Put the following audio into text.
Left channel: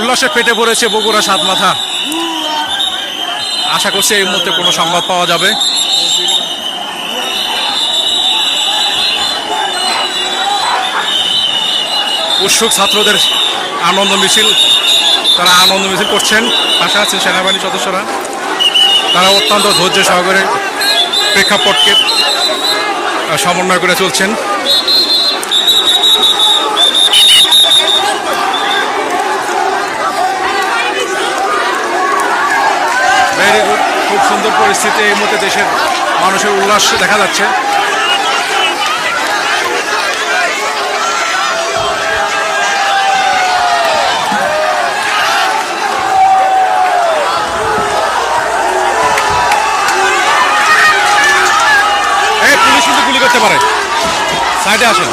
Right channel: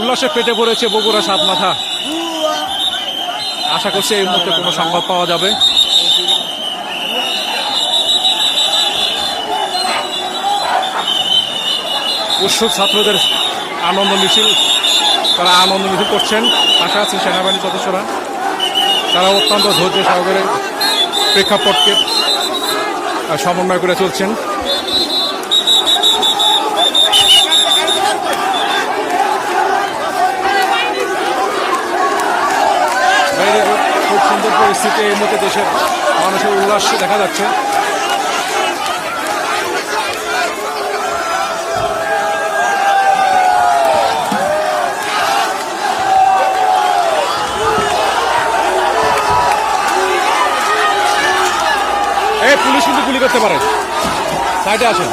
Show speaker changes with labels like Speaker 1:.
Speaker 1: উল্লাসে পেটে পড়েছে বগুড়া সাত মাথা। আশা করছি এই মুহূর্তে কোনো সংবাদ পাওয়া যাবে। উৎসুক ছাত্রদের আনন্দ মিছিল, তারা আনন্দ মিছিল করছেন। আশা আছেন সেনাবাহিনীর সদস্যরা। তারা অত্যন্ত ধৈর্য সহকারে প্রেক্ষাপটকে সমন্বয় করে চলছেন। ভেরি গুড খুব সুন্দর পরিস্থিতি এই মুহূর্তে দেশের মানুষের উল্লাস দেখা যাচ্ছে। পুলিশ কিন্তু গুলি করতে পারে। সাইডে আসেন।